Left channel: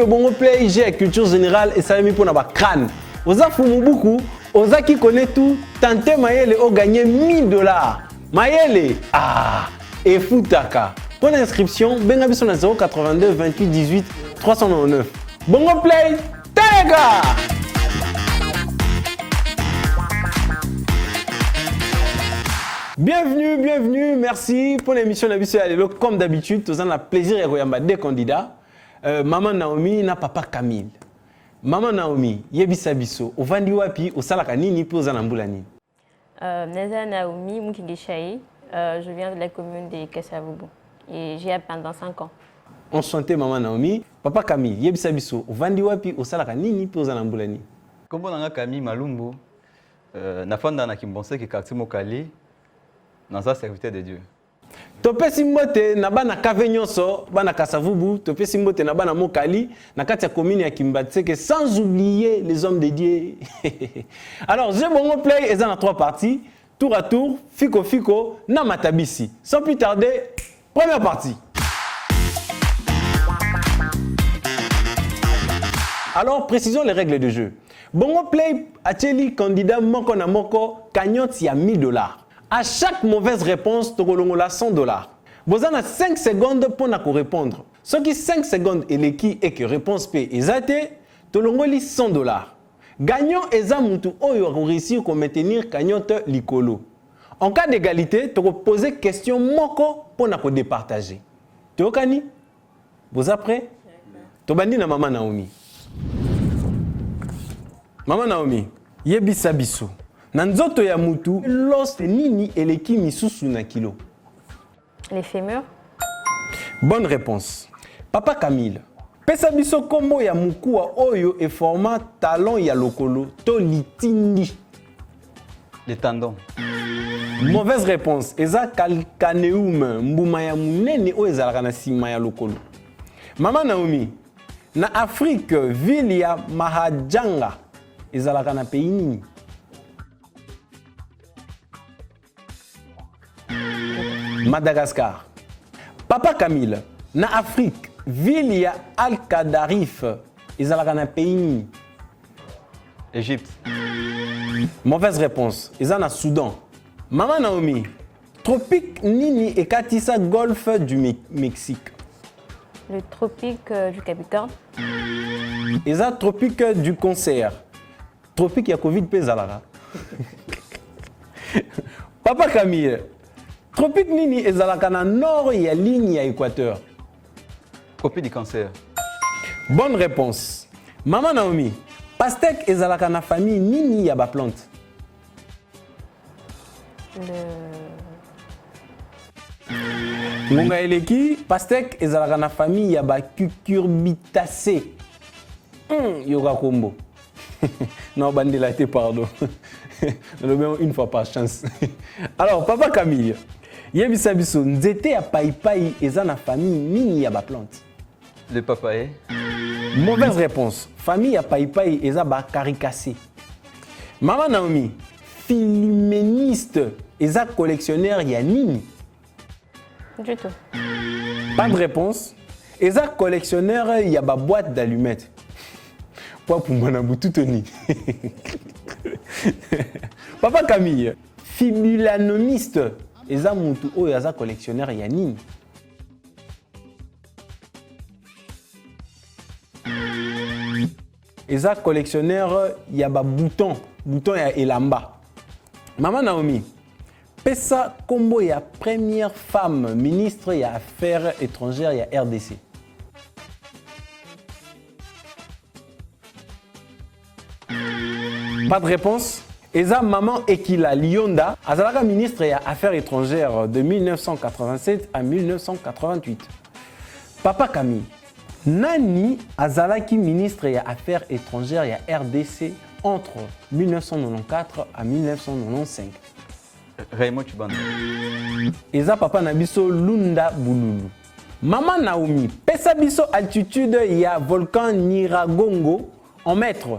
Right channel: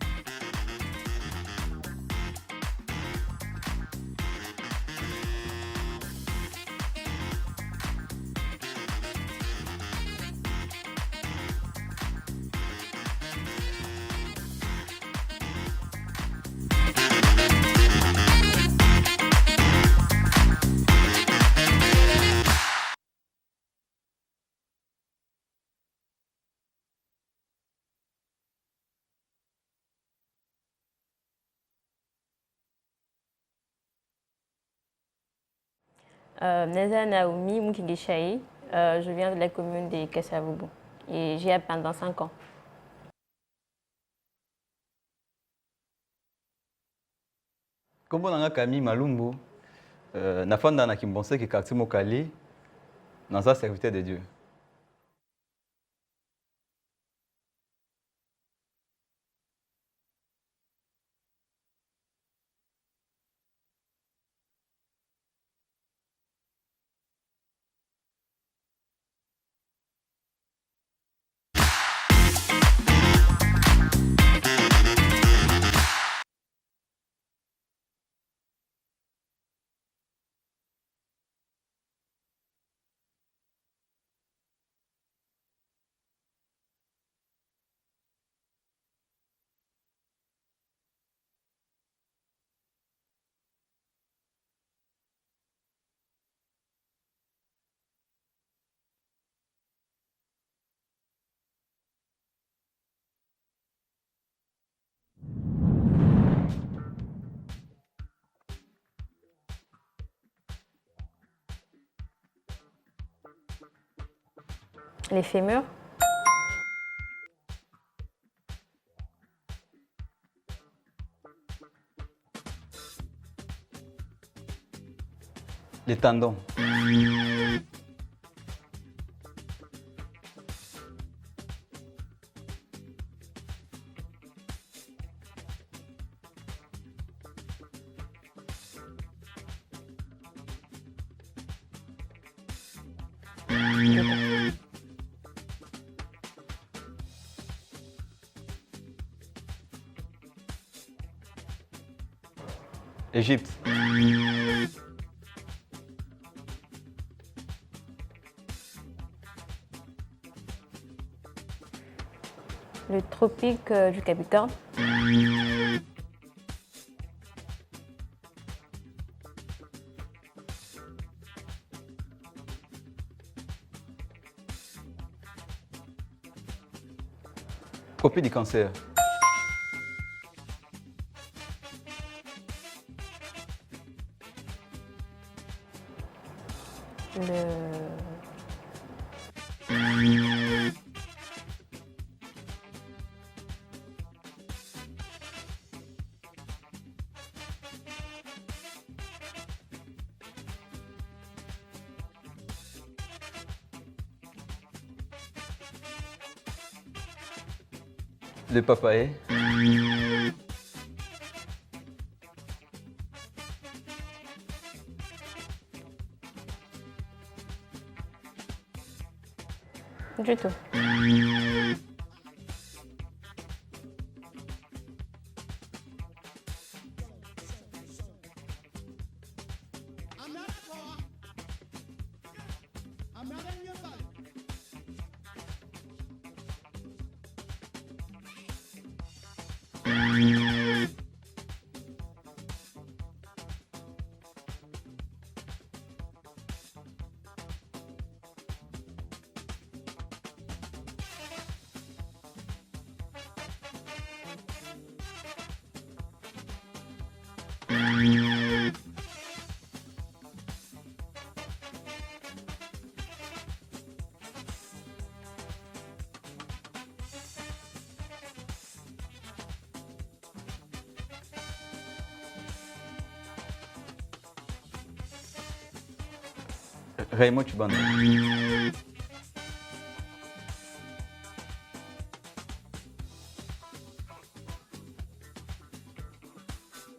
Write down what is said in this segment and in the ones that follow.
de Bongo Play, j'ai culture générale et ça m'a mis pour n'avoir crâne. Oza Fumubuku, Oza qui connaît tout, Tante Mayele a gagné $1000. Mayele, et Futaka. Pour l'inscription, Bengabi son à 082 28 18 399. Bongo Play, Téléga! Bienvenue, merci pour l'émission de Nabissé Alelo. Comme d'habitude, nous avons le plaisir de regarder deux candidats. Maman Naomi et Papa Camille. Maman Naomi, yebisa biso, ovandi wapi, osalaka nini pe ozana mbula nini? Neza Naomi Mukigishaï, je viens de la commune de Kasavubu et j'y ai pendant 5 ans. Enchanté Maman Naomi. Papa Camille, yebisa biso, ovandi wapi, osalaka nini pe ozana mbula nini? Kombo nanga Camille Malumbu, nafanda na Kimbonse ki quartier Mokali, dans sa serviteur de Dieu. Tope simbote na bana kave nyonso bana Kasavubu, tope simbote na bana Mokali na kati ya commune ya Kimbatseke, sans oublier les hommes de Dieu. Alors, j'ai Bongo Play et dans 3 parties, tour à tour, fiko na matabisi. Sans plus tarder, première partie. Alors, précisons les règles de jeu. Bongo Play a-t-il candidat moko na moko cagnotte ya $1000. À chaque mauvaise réponse, tu as $100. Vous avez 5 secondes pour répondre. Ce qui 5 secondes et les qui et que réponse P est athée, tu as $100. Gagnant est un moutou oyo réussir à maintenir cagnotte likolo. En cas d'égalité, tu peux poser question moko pour départager. Tu es kani? Vous êtes prêts? Tu bandi na Maman Naomi. Maman Naomi, yebisa biso. Nanzoto ya mutu, l'os nini eleki misusu na kilo. Les fémurs. Bonne réponse. Papa Camille, pesa biso kombo ya mukua oyo e format talon ya lokolo to litindi. Les tendons. Mauvaise réponse. Eza calcaneum mbuma ya munene o ezalaka na sima ya lokolo. Maman Naomi, na Afrique, ville ya Mahajanga ezalaka na pays nini? Madagascar. Papa Camille, na Afrique, ville ya Al-Qadarif, ezalaka na pays. Égypte. Mauvaise réponse. Ezana Soudan. Maman Naomi, tropique nini ekatisa golfe du Mexique. Le tropique du Capricorne. Eza tropique du concert. Tropique ya Covid pe ezalaka. Papa Camille, tropique nini ezalaka na nord ya ligne ya équateur. Tropique du cancer. Bonne réponse. Maman Naomi, pastèque ezalaka na famille nini ya ba plante. Ngonga eleki, pastèque ezalaka na famille ya ba cucurbitacées. Yoga combo. Non, bandela te pardon. Une fois par chance. Alors, Papa Camille, yebisa biso nzete ya paipai eza na famille nini ya ba plante. Le papaye. Mauvaise réponse. Famille ya paipai eza ba caricacé. Maman Naomi, philméniste eza collectionneur ya nini? Du tout. Pas de réponse. Eza collectionneur ya ba boîte d'allumettes. Pour moi na butu toni. Papa Camille, fibulanoniste, eza mutu oyo aza collectionneur ya nini? Eza collectionneur ya ba bouton ya elamba. Maman Naomi, pesa kombo ya première femme ministre ya affaires étrangères ya RDC. Pas de réponse. Eza Maman Ekila Lyonda, azalaka ministre ya Affaires étrangères de 1987 à 1988. Papa Camille, nani azalaki ministre ya Affaires étrangères ya RDC entre 1994 à 1995. Raymond Chibanda. Eza papa na biso Lunda Bululu. Maman Naomi, pesa biso altitude ya volcan Nyiragongo en mètres.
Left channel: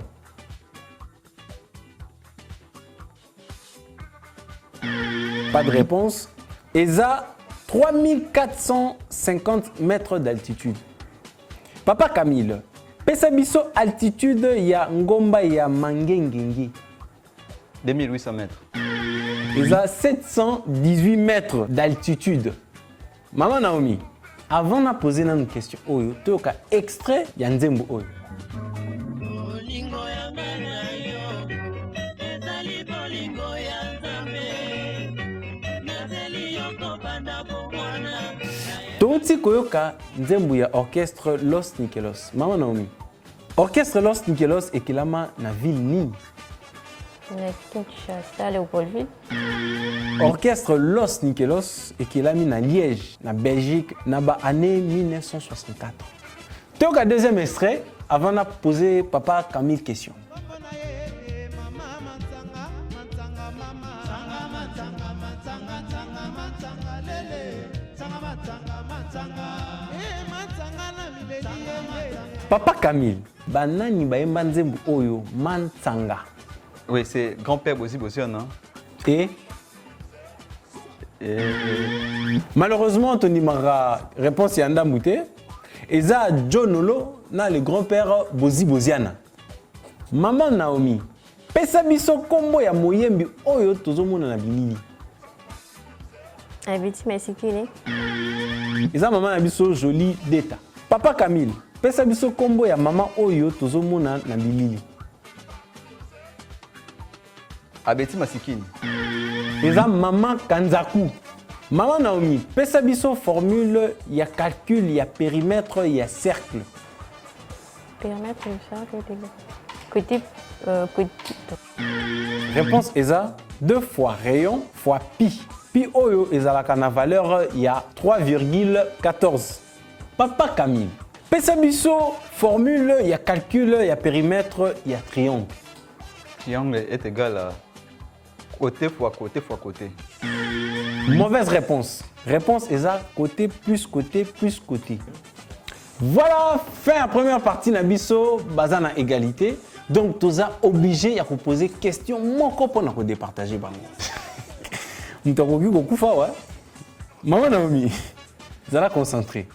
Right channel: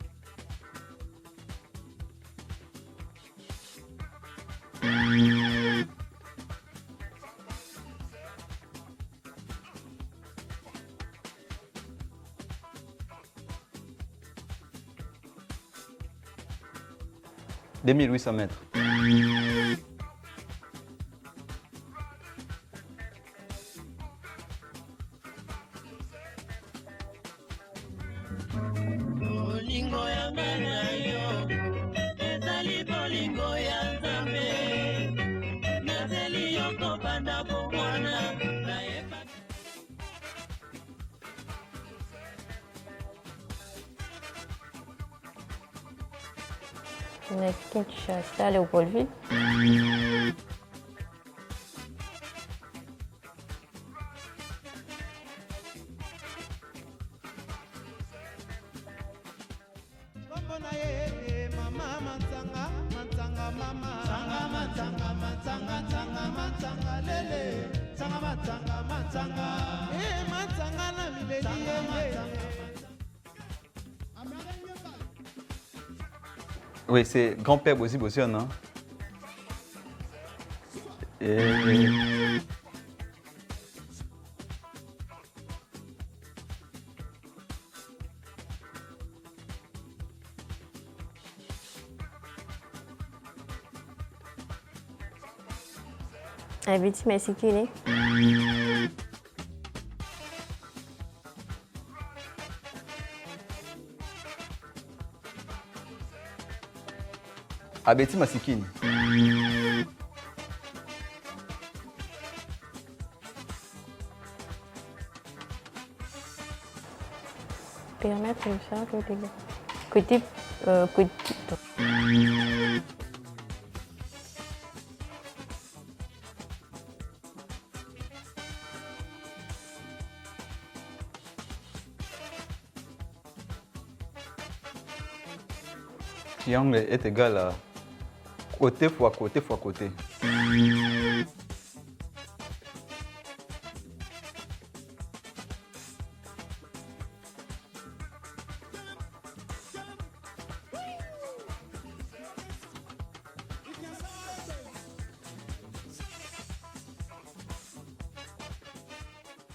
Pas de réponse. ESA, 3450 mètres d'altitude. Papa Camille, pesa biso altitude ya ngomba ya Mangengengi. 2800 mètres. Ils ont 718 mètres d'altitude. Maman Naomi, avant de poser une question, tu as extrait de Nzembo Oyo. Tonti koyoka Nzembo ya orchestre Los Nikelos. Maman Naomi, orchestre Los Nikelos est kilama na ville Nini. Na Kinshasa, Léopoldville. Orchestre Los Nikelos et qui l'a mis à Liège, en Belgique, dans l'année 1964. Donc, un deuxième extrait, avant de poser papa Camille question. Papa Camille, banani baemba nzembo oyo Mantsanga. Oui, c'est grand-père Bosi Bosion, non? Et malheureusement, Tony Mara réponse à Andamouté. Et ça, John Nolo, le grand-père Bosi Bosiana. Maman Naomi, pesa biso kombo ya moyembi oyo tozomona na bilili. Abiti Masikile. Et ça, maman na biso joli deta. Papa Camille, pesa biso kombo ya maman oyo tozomona na bilili. Abeti Masikini. Et ça, maman Kanzaku. Maman Naomi, pesa biso formule, il y a calcul, il y a périmètre, il y a cercle. Périmètre, côté. Réponse Eza, 2 fois rayon fois pi. Pi oyo ezalaka na valeur, il y a 3,14. Papa Camille, pesa biso formule, il y a calcul, il y a périmètre, il y a triangle. Triangle est égal à côté fois côté fois côté. Mauvaise réponse. Réponse Eza, côté plus côté plus côté. Voilà, fin la première partie Nabiso, bazana égalité. Donc, tu es obligé de poser des questions. Moi, je peux départager. Nous avons vu beaucoup de fois. Maman Naomi, vous allez concentrer.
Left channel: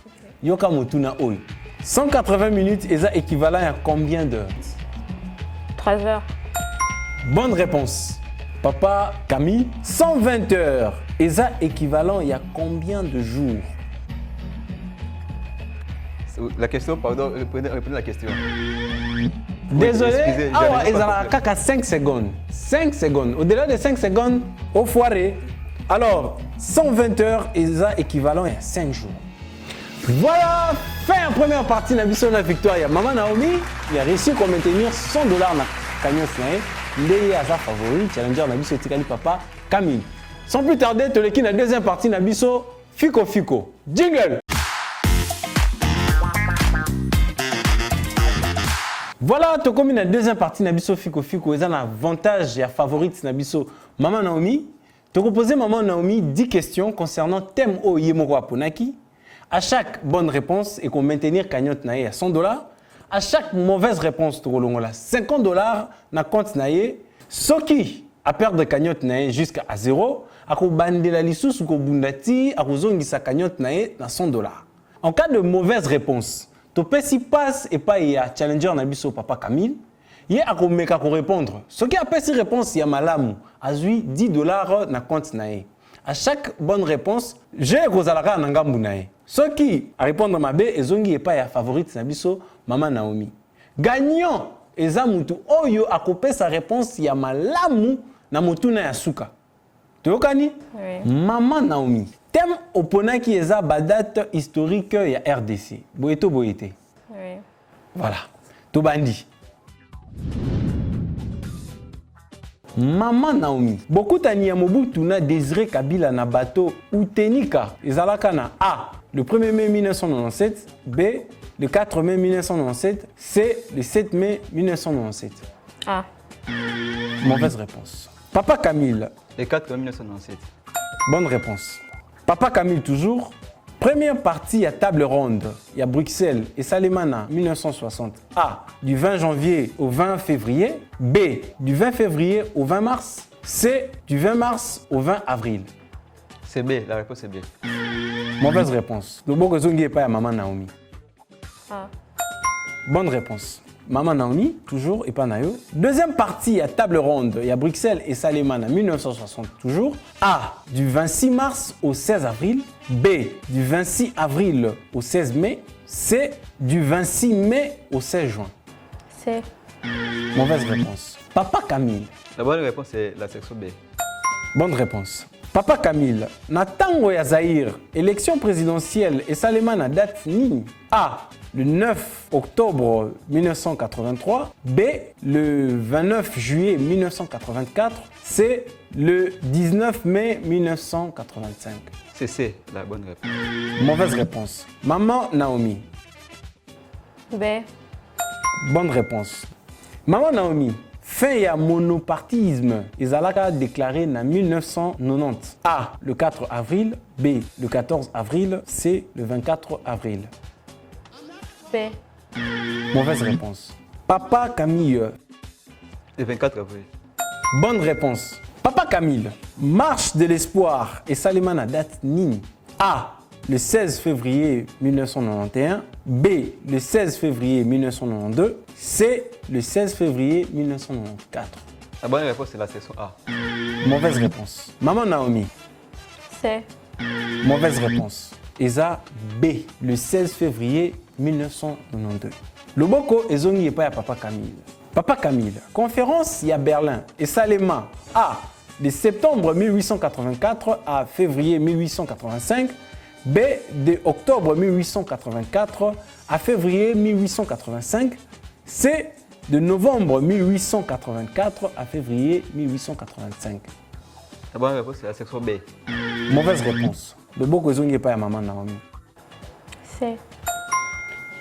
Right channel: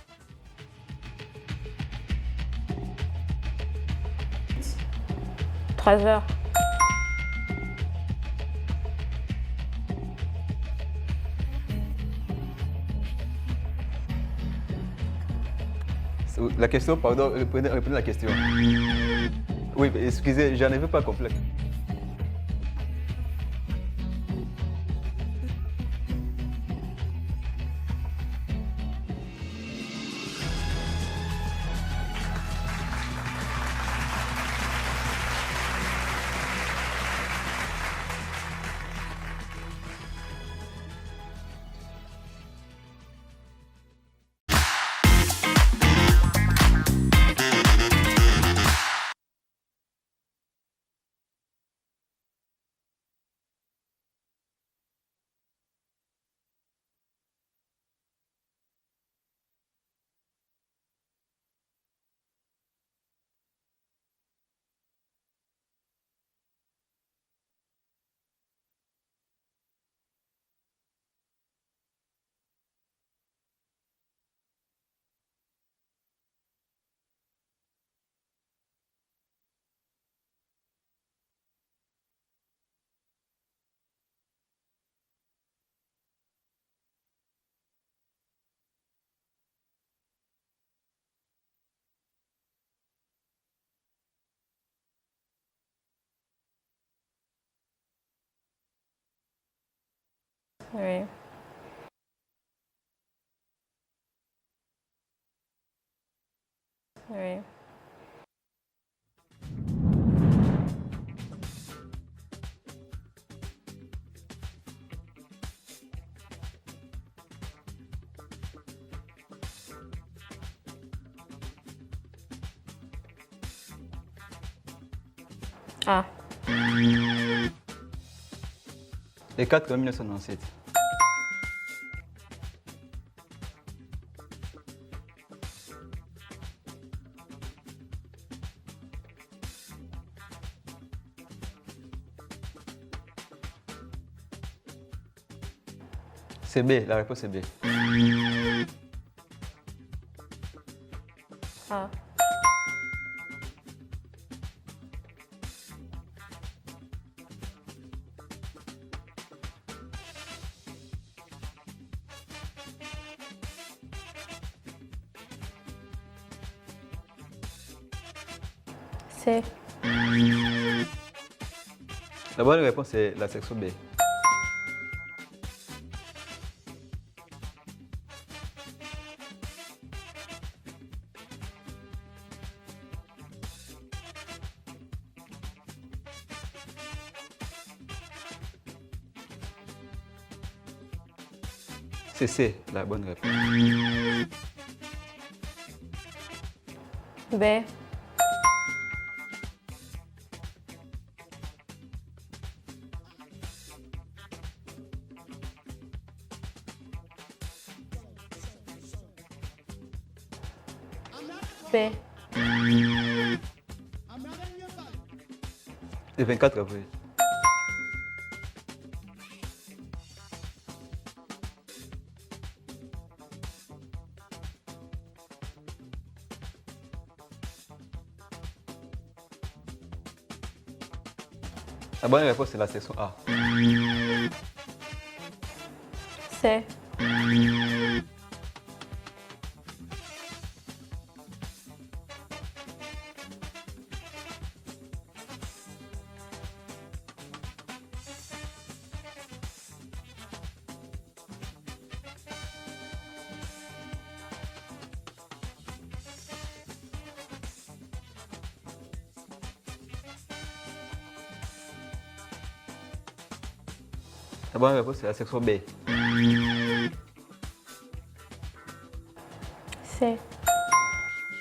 Yoka Motuna Oy. 180 minutes, est équivalent à combien d'heures? 3 heures. Bonne réponse. Papa Camille, 120 heures. Est équivalent à combien de jours? La question, pardon, reprenez la question. Oui, désolé, excusez, j'en ai pas compris. 5 secondes. 5 secondes. Au-delà de 5 secondes, au foiré. Alors, 120 heures est équivalent à 5 jours. Voilà, fin la première partie de la mission de la victoire. Maman Naomi, il a réussi à maintenir $100 dans la cagnotte. Il est à sa favori, challenger la mission de papa Camille. Sans plus tarder, tu as la deuxième partie de la mission Fico Fico. Jingle! Voilà, tu as comme la deuxième partie de la Fico Fico. Il y a un avantage et un favorite de la Maman Naomi. Tu as proposé Maman Naomi 10 questions concernant le thème au Yemoro Aponaki. À chaque bonne réponse, et qu'on maintenir cagnotte nae à $100. À chaque mauvaise réponse, tu as $50 na compte nae. Ce qui a perdre cagnotte nae jusqu'à 0, à bande la lissous ou bundati, à sa cagnotte nae na $100. En cas de mauvaise réponse, tu peux si passe et pas y a challenger na biso papa Camille. Il y a à répondre. Ce qui a pas si réponse, il y a malamu. A $10 na compte nae. À chaque bonne réponse, j'ai Rosalara Nangambu nae. Ce qui a répondre ma bé et zongi et pas y a favorite na biso Maman Naomi. Gagnant ezamutu oyo a coupé sa réponse, il y a malamu na motuna ya suka. Tu okani? Oui. Maman Naomi. Thème opona qui est la date historique ya RDC. Boyeto boyete. Oui. Voilà. Tobandi. Maman Naomi. Beaucoup tani ya Mobutu na Désiré Kabila na bateau Utenika. Ezalaka na A. Le 1er mai 1997. B. Le 4 mai 1997. C. Le 7 mai 1997. A. Mauvaise réponse. Papa Camille. Le 4 mai 1997. Bonne réponse. Papa Camille toujours. Première partie à table ronde, il y a Bruxelles et Salemana 1960. A. Du 20 janvier au 20 février. B. Du 20 février au 20 mars. C. Du 20 mars au 20 avril. C'est B, la réponse est B. Mauvaise réponse. Le beau que zongi est pas à Maman Naomi. A. Bonne réponse. Maman Naomi, toujours, et pas Nayo. Deuxième partie à table ronde, il y a Bruxelles et Saléman en 1960, toujours. A, du 26 mars au 16 avril. B, du 26 avril au 16 mai. C, du 26 mai au 16 juin. C. Mauvaise réponse. Papa Camille. La bonne réponse est la section B. Bonne réponse. Papa Camille, Natango ya Zahir, élection présidentielle et Saléman à date ni. A, le 9 octobre 1983. B, le 29 juillet 1984. C, le 19 mai 1985. C'est C, la bonne réponse. Mauvaise réponse. Maman Naomi. B. Bonne réponse. Maman Naomi, fin ya monopartisme, Ezalaka déclaré en 1990. A, le 4 avril. B, le 14 avril. C, le 24 avril. B. Mauvaise réponse. Papa Camille. Le 24 avril. Bonne réponse. Papa Camille, marche de l'espoir et Saléman à date ni. A, le 16 février 1991. B, le 16 février 1992. C, le 16 février 1994. La bonne réponse est la section A. Mauvaise réponse. Maman Naomi. C. Mauvaise réponse. Eza B, le 16 février 1992. Loboko ezongi epai ya Papa Camille. Papa Camille, conférence ya Berlin et Saléma A, de septembre 1884 à février 1885. B, de octobre 1884 à février 1885. C, de novembre 1884 à février 1885. La bonne réponse est la section B. Mauvaise réponse. Loboko ezongi epai ya Maman Naomi. C.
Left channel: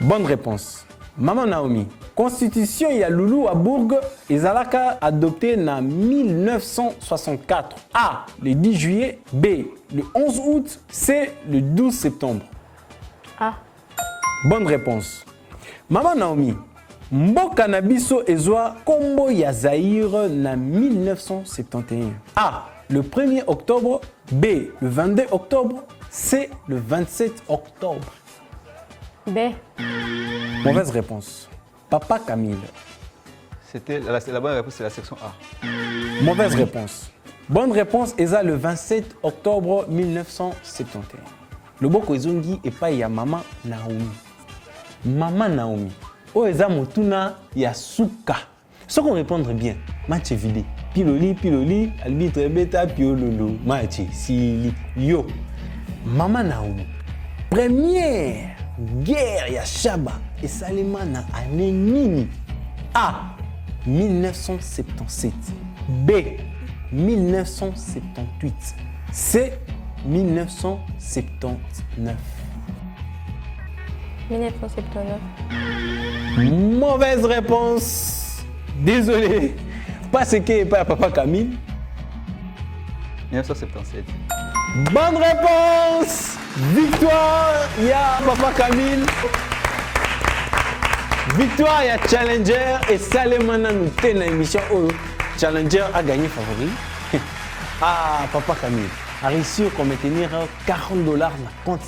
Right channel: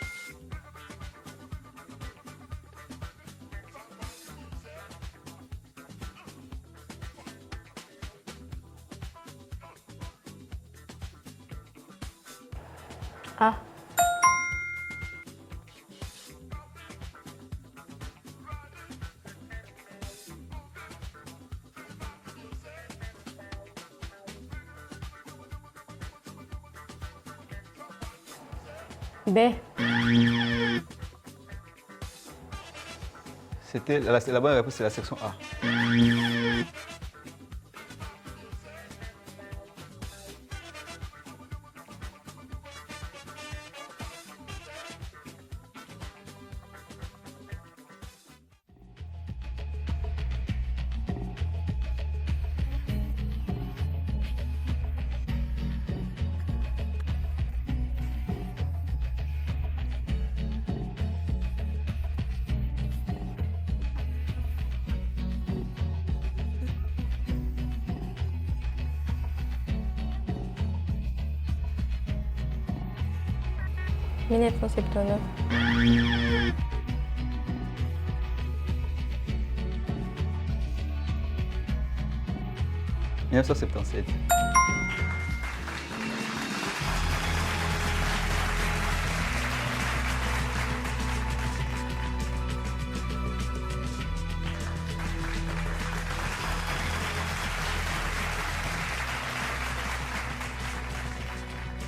Bonne réponse. Maman Naomi, constitution ya Loulou à Bourg, ezalaka adoptée en 1964. A, le 10 juillet. B, le 11 août. C, le 12 septembre. A. Bonne réponse. Maman Naomi, mboka na biso ezwa kombo ya Zaïre en 1971. A, le 1er octobre. B, le 22 octobre. C, le 27 octobre. B. Mauvaise réponse. Papa Camille. C'était la bonne réponse, c'est la section A. Mauvaise réponse. Bonne réponse, Eza le 27 octobre 1971. Loboko ezongi epai ya Maman Naomi. Maman Naomi. O Eza motuna ya suka. Ce qu'on répondre bien. Match vide. Piloli, piloli, albitre beta, piololo. Match, sili, yo. Maman Naomi. Première guerre ya Shaba et Saléma na année nini. A, 1977. B, 1978. C, 1979. 1979. Mauvaise réponse. Désolé. Pas ce qui est pas Papa Camille. 1977. Bonne réponse. Victoire, ya Papa Camille. Victoire, ya Challenger et Salémana nous tient dans l'émission où Challenger a gagné favori. Ah, Papa Camille a réussi à maintenir $40 dans le compte.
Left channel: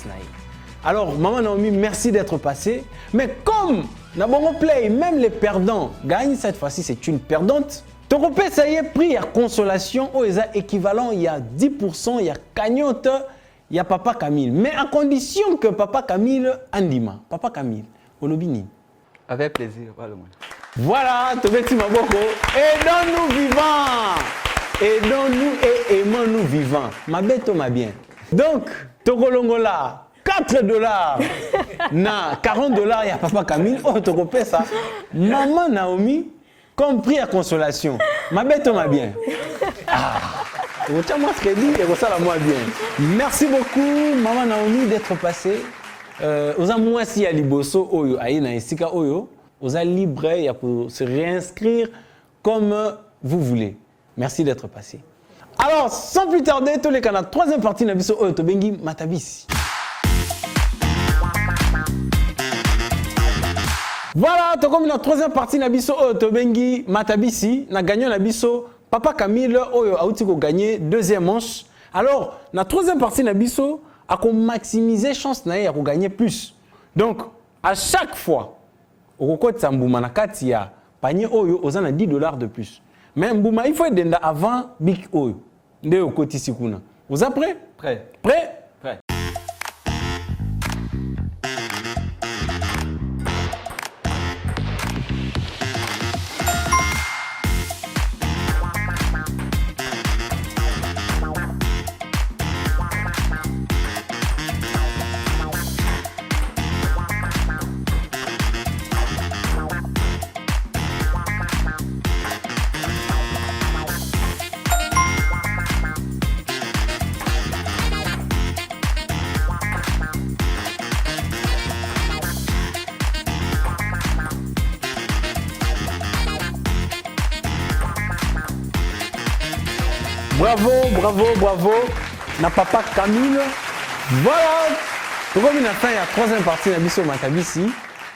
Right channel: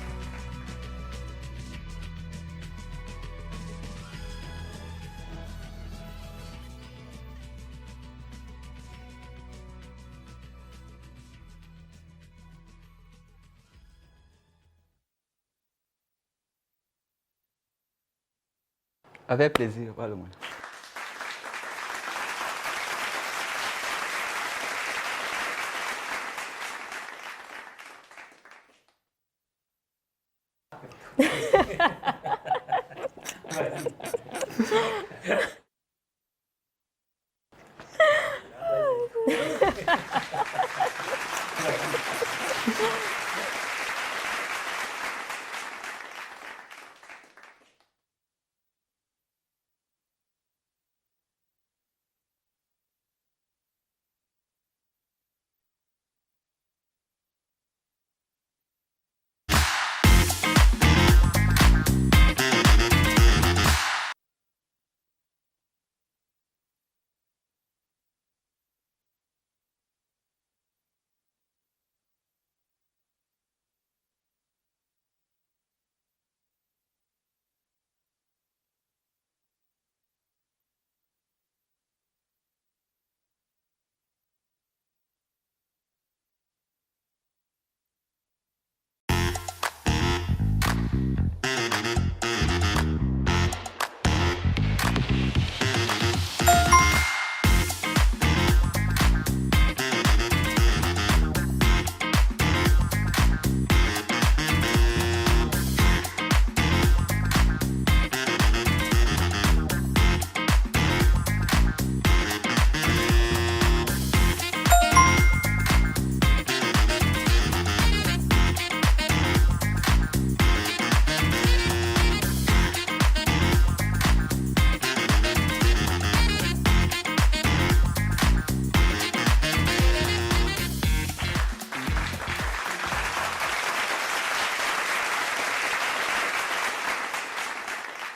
Alors, Maman Naomi, merci d'être passé. Mais comme Nabongo Play, même les perdants gagnent, cette fois-ci, c'est une perdante. Ton repère, ça y est, prix à consolation, où est équivalent, il y a 10%, il y a cagnotte. Il y a Papa Camille, mais à condition que Papa Camille andima. Papa Camille, Olobini. Avec plaisir, pas le moins. Voilà, Tobeti Maboko. Aidons-nous vivants. Aidons-nous et aimons-nous vivants. Ma bête, ma bien. Donc, Tokolongola, $4. Na $40, il y a Papa Camille. Oh, tu repères ça. Maman Naomi, compris à consolation. Ma bête, ma bien. Merci beaucoup, Maman Naomi, d'être passée. Aux amoisi à Liboso, Oyo, Aïna et Sika Oyo, aux libre pour se réinscrire comme vous voulez. Merci d'être passé. Alors, sans plus tarder, tous les canaux, troisième partie de Nabiso Oyo Tobengi Matabisi. Voilà, comme la troisième partie de Nabiso Oyo Tobengi Matabisi, na gagnant Nabiso. Papa Camille Oyo a gagné deuxième manche. Alors, la troisième partie de Nabiso a maximiser chance de gagner plus. Donc, à chaque fois okokotisa mbuma na kati ya panier oyo oza na 10 dollars de plus. Mais mbuma il faut être avant big oyo. Nde okotisi kuna. Vous êtes prêts? Prêt. Prêt? Prêt. Bravo, na papa Camille. Voilà, pour la fin, il y a troisième partie de la Makabisi.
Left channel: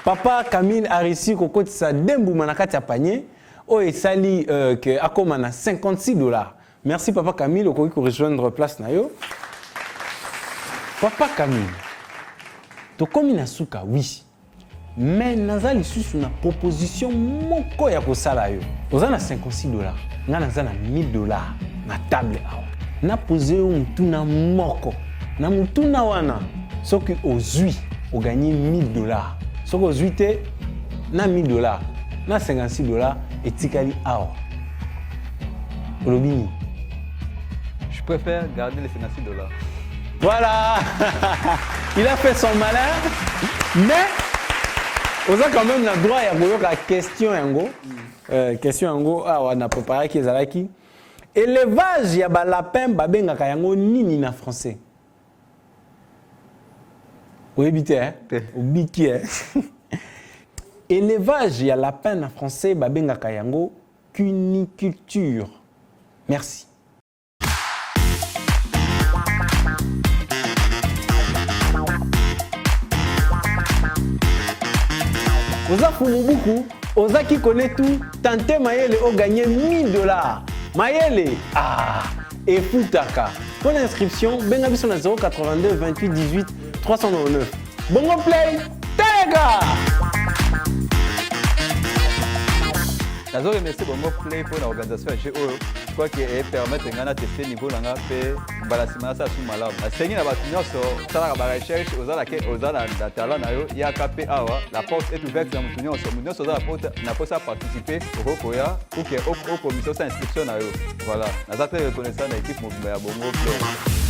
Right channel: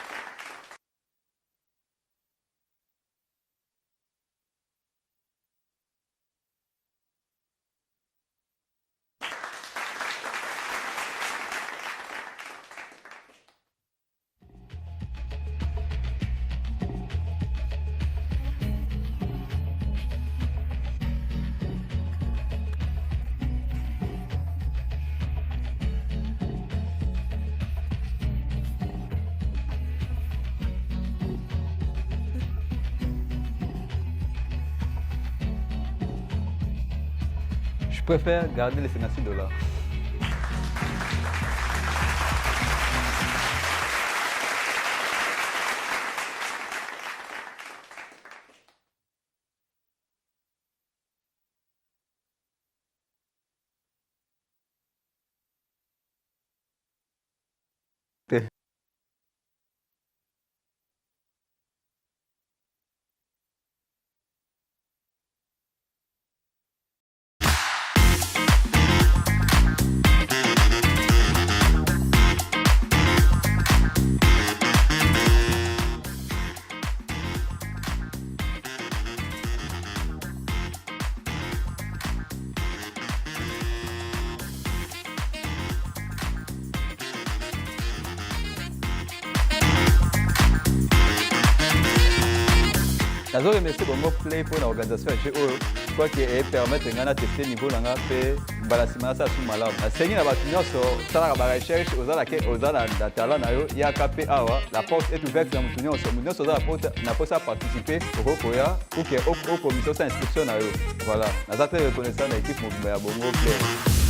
Papa Camille a réussi à côté sa dembu manakati à panier. Oh, et sali que Akoma a 56 dollars. Merci Papa Camille, au pour rejoindre place nayo. Papa Camille, to komi na suka oui. Mais nazali susu na proposition moko ya kosala yo. Oza na 56 dollars. Nga naza na 1000 dollars na table awa. Na posé mutuna moko. Na mutuna wana soki ozui o gagner 1000 dollars. Soki ozui te na 1000 dollars. Na 56 dollars etikali awa. Olobini. Je préfère garder les 56 dollars. Voilà. Il a fait son malin. Mais on a quand même le droit à la question yango. Question yango on a préparé qui ezalaki. Élevage ya ba lapin babengaka yango nini na français. Oyebite hein? Obiki hein. Élevage ya lapin na français babengaka yango cuniculture. Merci. Oza Fumubuku, Oza qui connaît tout, Tante Mayele a gagné 1000 dollars. Mayele, et Futaka. Pour l'inscription, Bengabiso na 082 28 18 399. Bongo play, Tega! Je remercie Bongo Play pour l'organisation de GO. Je crois qu'elle permet de tester le niveau de la balasima sa sous malade. La seigneur a battu sur la recherche aux la talent ya KP awa. La porte est ouverte dans mon union sur mon sur la porte n'a pas participer au Rokoya ou que au commission d'inscription. Voilà. Nous avons reconnaissance à l'équipe Bongo Play.